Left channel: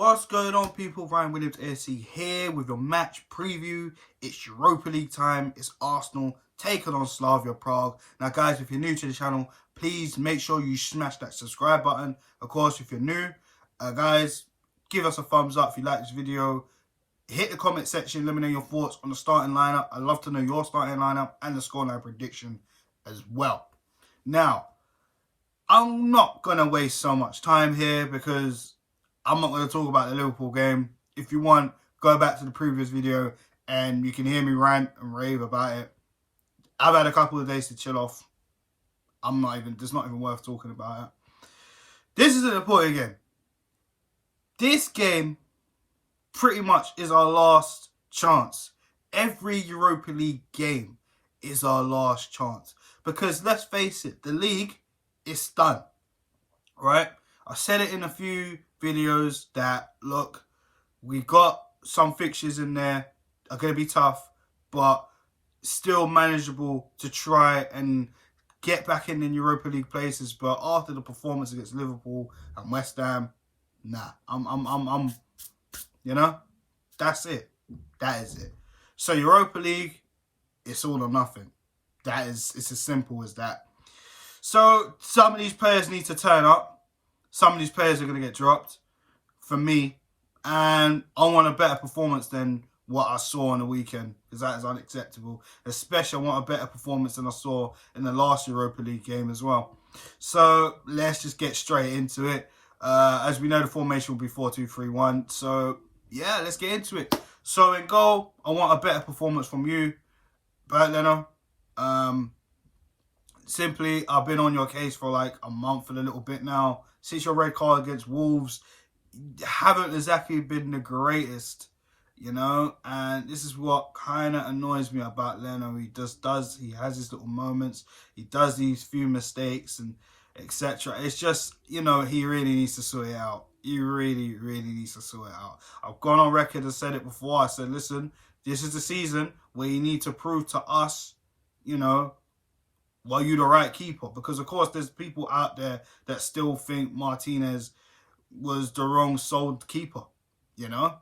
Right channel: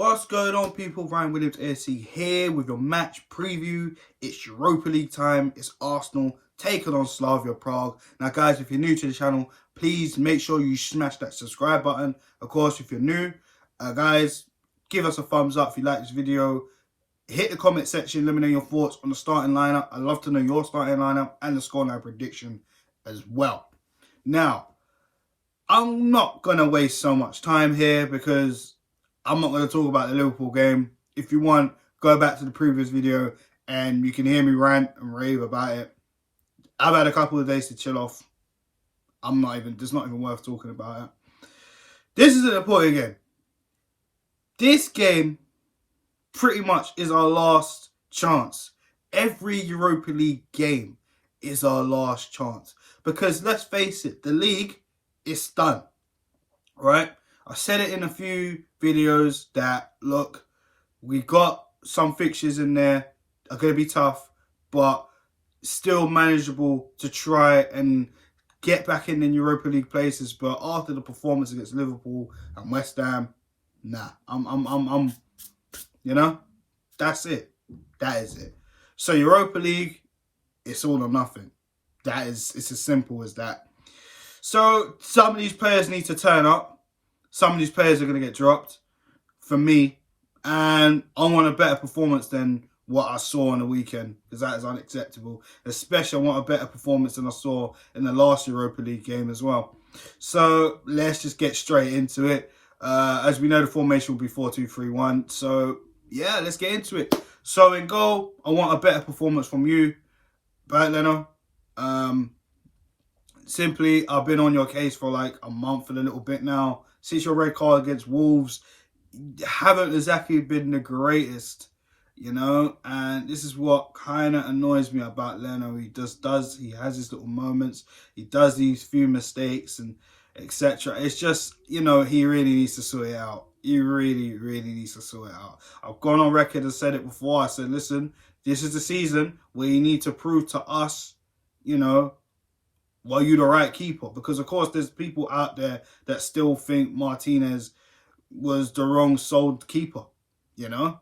What's going on, people? Ryan Williams AC here with your match preview. It's Europa League time. It's Arsenal taking on Slavia Prague. Now, guys, if you're new to the channel, please make sure you smash that subscribe button. Of course, if you're new, guys, give us a thumbs up if you like this video. Hit the comment section, let me know your thoughts on the starting lineup. I'd love to know your starting lineup and the scoreline prediction as well. Now, I'm not going to waste so much time here because I'm not going to talk about the Liverpool game. If you want, go back to the previous video and you can hear me rant and rave about it. I've had a couple of days to chill off. It's not even worth talking about it. This is an important game. This game pretty much is our last chance. Every Europa League game is our last chance. Because let's face it, the league is done. Right? I said it in a few videos that, look, we got some fixtures in there are going to be tough, but still manageable to try and get back in the Europa League places. But after the performance against Liverpool and West Ham, nah, you know, that's it. That is it. So Europa League, it's all or nothing. It's as simple as that. So some of these players need to turn up. Some of these players are going to get dropped for me. And I want a better performance than what I saw on the weekend, because that is unacceptable. Especially I want a better performance than I saw in the last Europa League game as well. So let's just get straight into it. As we know, the formation will be 4-2-3-1. So yeah, let's get into it. So in goal, I want a better performance from you, Bert Leno. Simply, I've been on your case for like a month and a little bit now. Since your red card against Wolves, haven't exactly been the greatest, you know. And this is what kind of annoys me about Leno. He he has his little moments. He does these few mistakes and etc. It's just, you know, he really needs to sort it out. He really, really needs to sort it out. I've gone on record and said it before. I said, listen, this is the season where you need to prove to us, you know, well, you're the right keeper. Because, of course, there's people out there that still think Martinez was the wrong sold keeper, you know.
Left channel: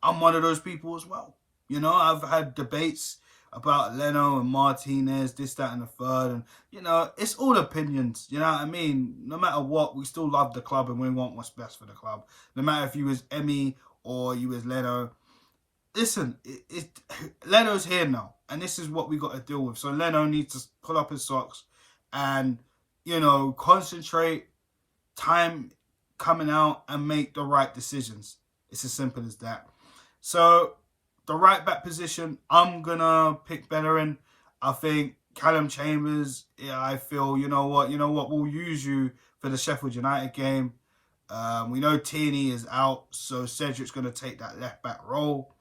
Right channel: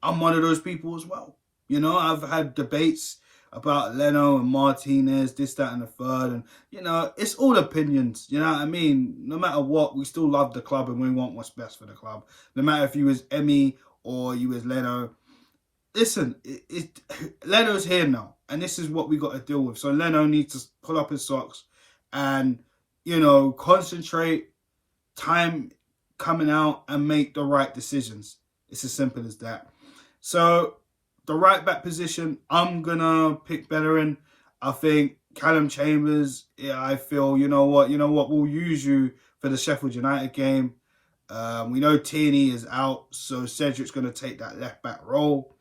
I'm one of those people as well. You know, I've had debates about Leno and Martinez, this, that, and the third. And, you know, it's all opinions, you know what I mean? No matter what, we still love the club and we want what's best for the club. No matter if you was Emmy or you was Leno. Listen, Leno's here now, and this is what we got to deal with. So Leno needs to pull up his socks and, you know, concentrate, time coming out and make the right decisions. It's as simple as that. So the right back position, I'm going to pick Bellerin. I think Callum Chambers, yeah, I feel, you know what, we'll use you for the Sheffield United game. We know Tierney is out, so Cedric's going to take that left back role.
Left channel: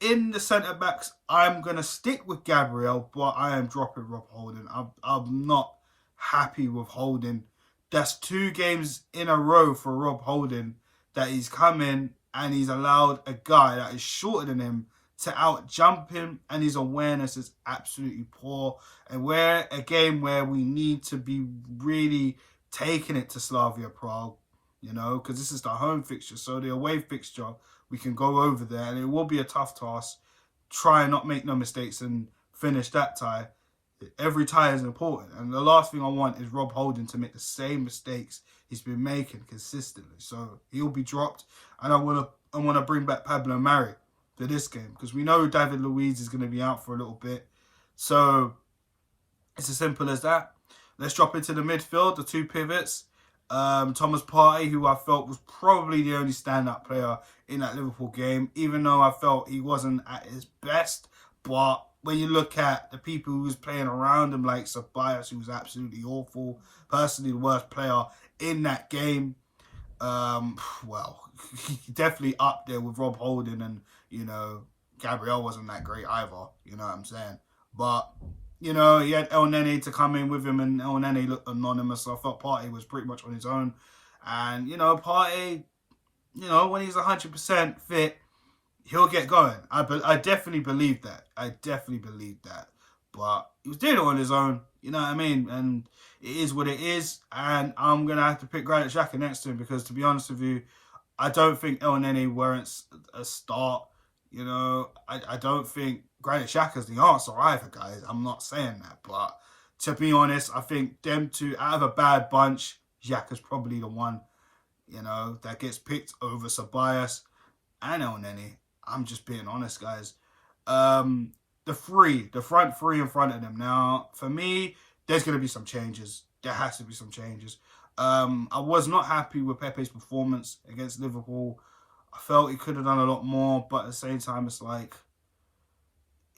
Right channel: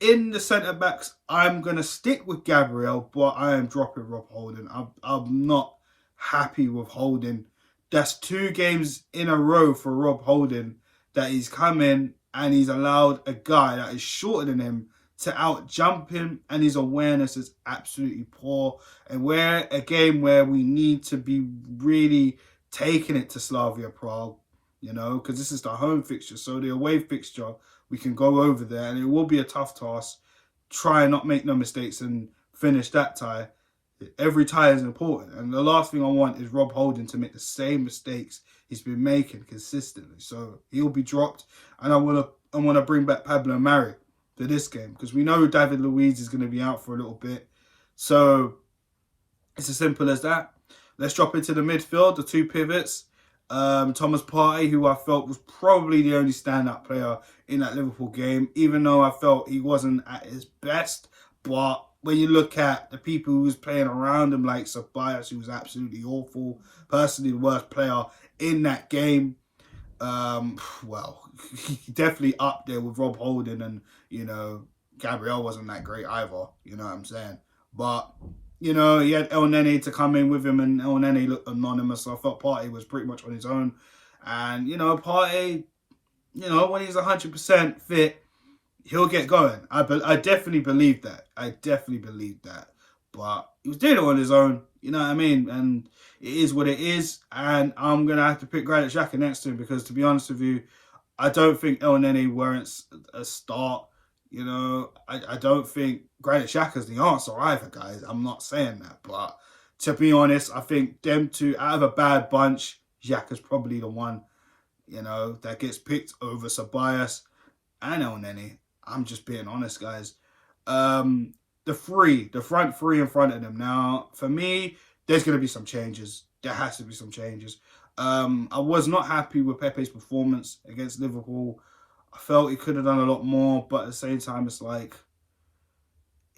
In the centre-backs, I'm going to stick with Gabriel, but I am dropping Rob Holding. I'm not happy with Holding. That's 2 games in a row for Rob Holding that he's come in and he's allowed a guy that is shorter than him to out-jump him, and his awareness is absolutely poor. And we're a game where we need to be really taking it to Slavia Prague, you know, because this is the home fixture. So the away fixture, we can go over there, and it will be a tough task. Try and not make no mistakes and finish that tie. Every tie is important. And the last thing I want is Rob Holding to make the same mistakes he's been making consistently. So he'll be dropped. And I want to bring back Pablo Mari for this game, because we know David Luiz is going to be out for a little bit. So it's as simple as that. Let's drop into the midfield, the 2 pivots. Thomas Partey, who I felt was probably the only standout player in that Liverpool game, even though I felt he wasn't at his best. But when you look at the people who was playing around him, like Ceballos, who was absolutely awful, personally the worst player in that game, well, definitely up there with Rob Holding, and, you know, Gabriel wasn't that great either, you know what I'm saying? But, you know, he had El Nene to come in with him, and El Nene looked anonymous, so I felt Partey was pretty much on his own. And, you know, Partey, you know, when he's 100% fit, he'll get going. I definitely believe that. But he was doing it on his own, you know what I mean? And it is what it is. And I'm going to have to pick Granit Xhaka next to him, because, to be honest with you, I don't think El Nene warrants a start. You know, I don't think Granit Xhaka's the answer either, guys. I'm not saying that. But to be honest, I think them two, out of a bad bunch, Xhaka's probably the one, you know, that gets picked over Ceballos and El Nene. I'm just being honest, guys. The front three in front of them. Now, for me, there's going to be some changes. There has to be some changes. I was not happy with Pepe's performance against Liverpool. I felt he could have done a lot more, but at the same time, it's like,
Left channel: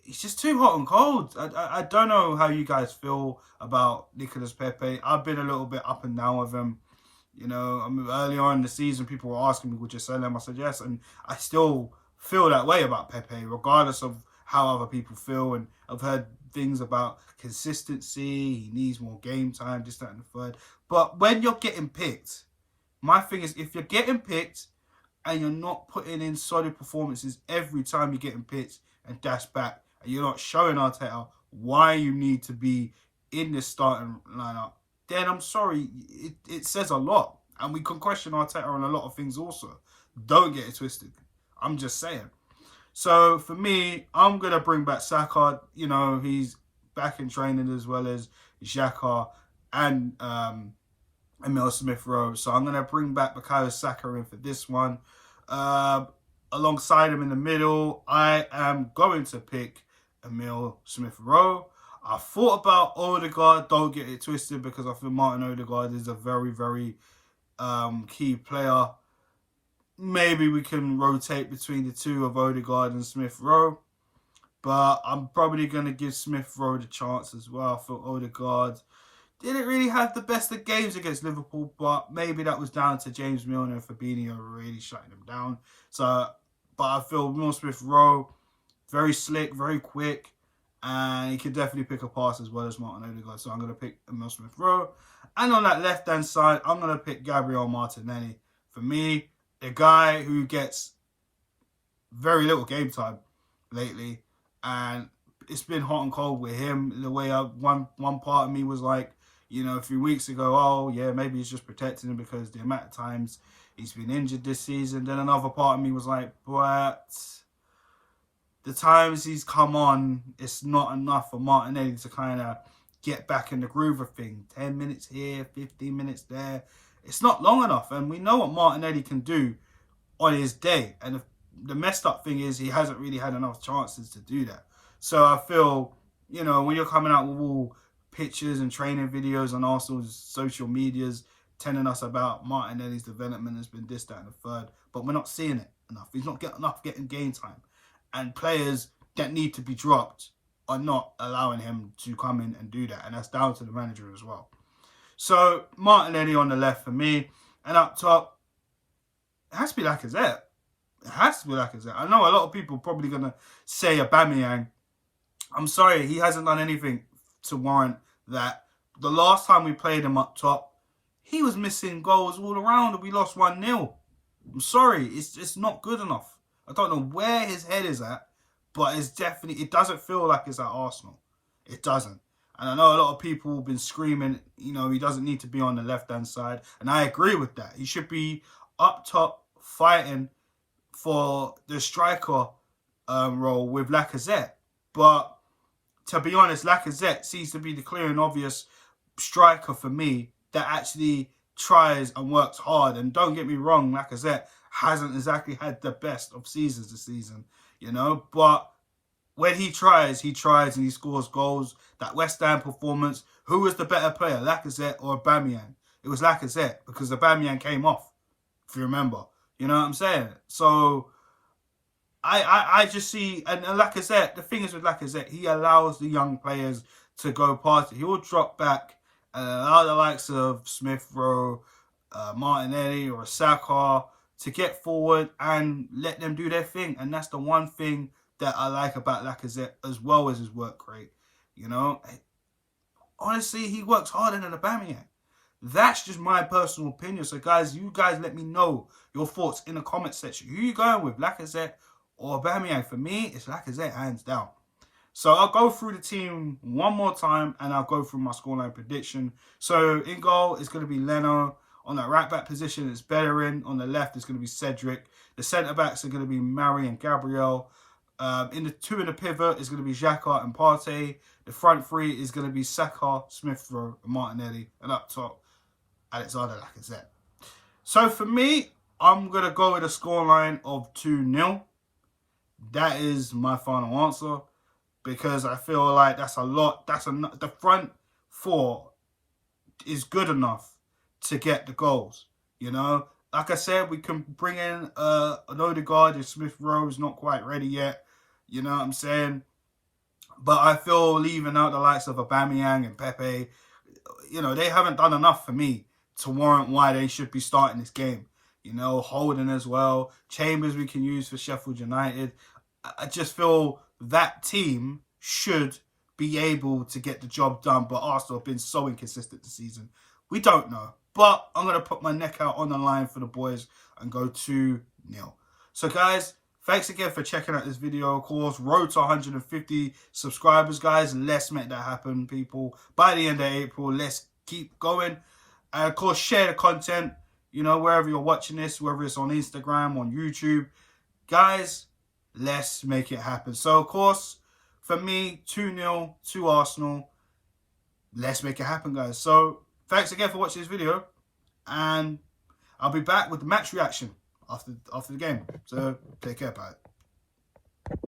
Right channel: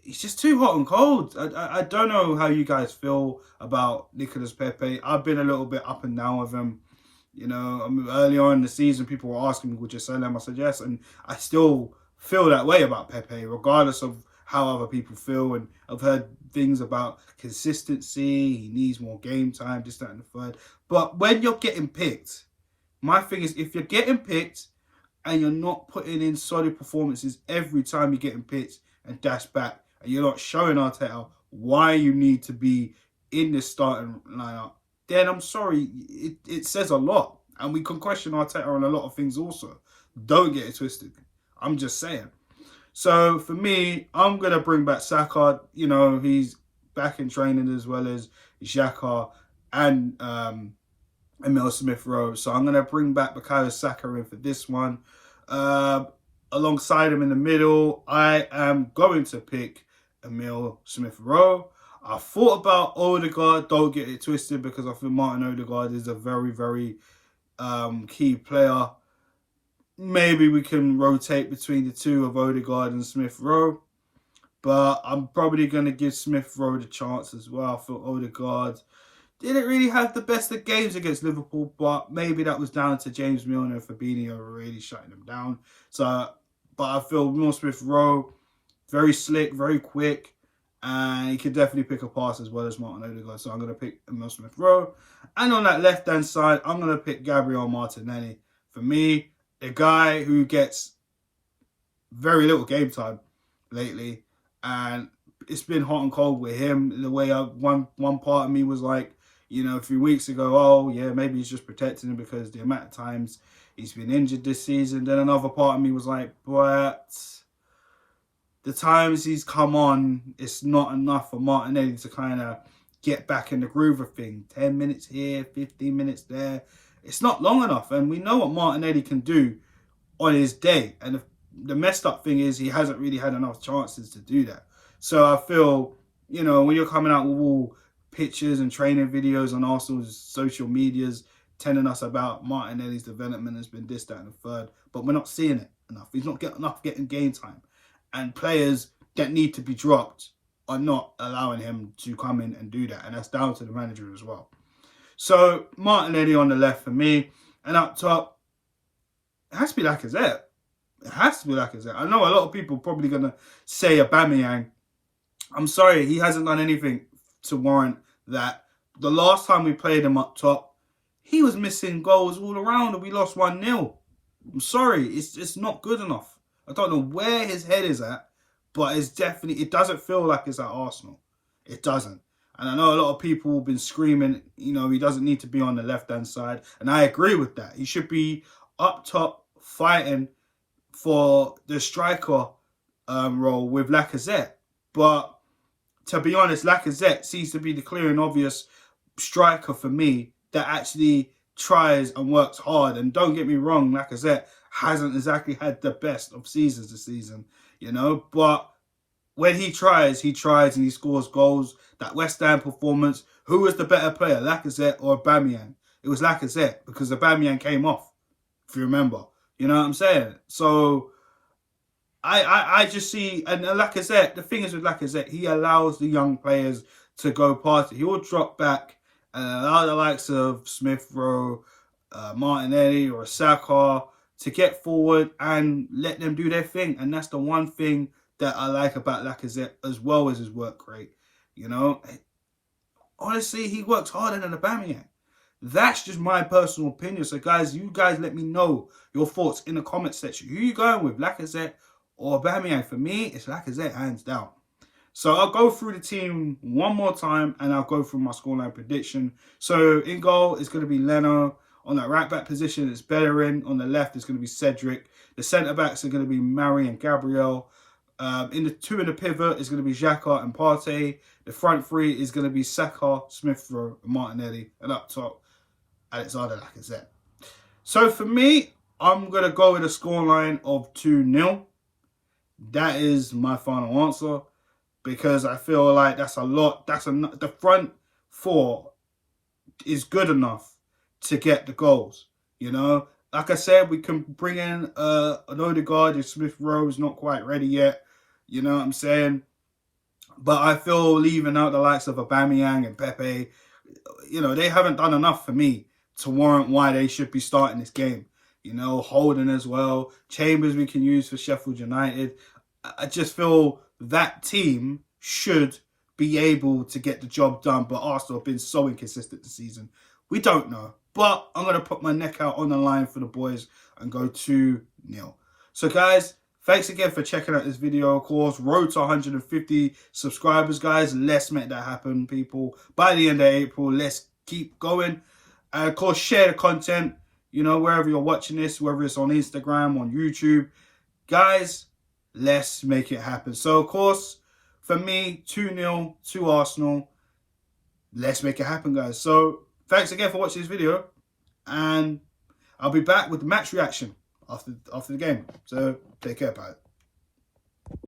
he's just too hot and cold. I don't know how you guys feel about Nicolas Pepe. I've been a little bit up and down with him. You know, I mean, early on in the season, people were asking me, would you sell him? I said yes, and I still feel that way about Pepe, regardless of how other people feel. And I've heard things about consistency, he needs more game time, this, that, and the third. But when you're getting picked, my thing is, if you're getting picked and you're not putting in solid performances every time you're getting picked and dashed back, and you're not showing Arteta why you need to be in this starting lineup, then I'm sorry, it says a lot. And we can question Arteta on a lot of things also. Don't get it twisted. I'm just saying. So for me, I'm going to bring back Saka. You know, he's back in training as well as Xhaka and Emil Smith-Rowe. So I'm going to bring back Bukayo Saka in for this one. Alongside him in the middle, I am going to pick Emil Smith-Rowe. I thought about Odegaard. Don't get it twisted, because I think Martin Odegaard is a very, very key player. Maybe we can rotate between the two of Odegaard and Smith-Rowe. But I'm probably going to give Smith-Rowe the chance as well. I thought Odegaard didn't really have the best of games against Liverpool, but maybe that was down to James Milner and Fabinho really shutting them down. So, but I feel Emil Smith-Rowe, very slick, very quick, and he could definitely pick a pass as well as Martin Odegaard. So I'm going to pick Emil Smith-Rowe. And on that left-hand side, I'm going to pick Gabriel Martinelli. For me, a guy who gets very little game time lately, and it's been hot and cold with him. The way one part of me was like, you know, a few weeks ago, oh yeah, maybe he's just protecting him because the amount of times he's been injured this season. Then another part of me was like, but the times he's come on, it's not enough for Martinelli to kind of get back in the groove of things. 10 minutes here, 15 minutes there. It's not long enough. And we know what Martinelli can do on his day. And the messed up thing is he hasn't really had enough chances to do that. So I feel, you know, when you're coming out with all pictures and training videos on Arsenal's social medias telling us about Martinelli's development has been this, that, and the third, but we're not seeing it enough. He's not getting enough game time. And players that need to be dropped are not allowing him to come in and do that. And that's down to the manager as well. So Martinelli on the left for me. And up top, it has to be Lacazette. It has to be Lacazette. I know a lot of people are probably going to say Aubameyang. I'm sorry, he hasn't done anything to warrant that. The last time we played him up top, he was missing goals all around and we lost 1-0. I'm sorry, it's not good enough. I don't know where his head is at, but it's definitely, it doesn't feel like it's at Arsenal. It doesn't. And I know a lot of people have been screaming, you know, he doesn't need to be on the left-hand side. And I agree with that. He should be up top fighting for the striker role with Lacazette. But to be honest, Lacazette seems to be the clear and obvious striker for me that actually tries and works hard. And don't get me wrong, Lacazette hasn't exactly had the best of seasons this season, you know. But when he tries and he scores goals. That West Ham performance, who was the better player, Lacazette or Aubameyang? It was Lacazette because Aubameyang came off, if you remember. You know what I'm saying? So I just see, and Lacazette, the thing is with Lacazette, he allows the young players to go past it. He will drop back and allow the likes of Smith-Rowe, Martinelli or Saka to get forward and let them do their thing. And that's the one thing that I like about Lacazette as well as his work rate. You know, honestly, he works harder than Aubameyang. That's just my personal opinion. So, guys, you guys let me know your thoughts in the comment section. Who are you going with, Lacazette or Aubameyang? For me, it's Lacazette, hands down. So, I'll go through the team one more time and I'll go through my scoreline prediction. So, in goal, it's going to be Leno. On that right-back position, it's Bellerin. On the left, it's going to be Cedric. The centre-backs are going to be Mari and Gabriel. In the pivot, it's going to be Xhaka and Partey. The front three is going to be Saka, Smith Rowe, and Martinelli. And up top, Alexander Lacazette. So for me, I'm going to go with a scoreline of 2-0. That is my final answer. Because I feel like that's a lot. The front four is good enough to get the goals. You know, like I said, we can bring in an Odegaard if Smith Rowe's not quite ready yet. You know what I'm saying? But I feel leaving out the likes of Aubameyang and Pepe, you know, they haven't done enough for me to warrant why they should be starting this game. You know, Holden as well. Chambers we can use for Sheffield United. I just feel that team should be able to get the job done, but Arsenal have been so inconsistent this season. We don't know. But I'm going to put my neck out on the line for the boys and go 2-0. So guys, thanks again for checking out this video, of course. Road to 150 subscribers, guys. Let's make that happen, people. By the end of April, let's keep going. And of course, share the content, you know, wherever you're watching this, whether it's on Instagram, on YouTube. Guys, let's make it happen. So, of course, for me, 2-0 to Arsenal. Let's make it happen, guys. So, thanks again for watching this video. And I'll be back with the match reaction after the game. So, take care, pal.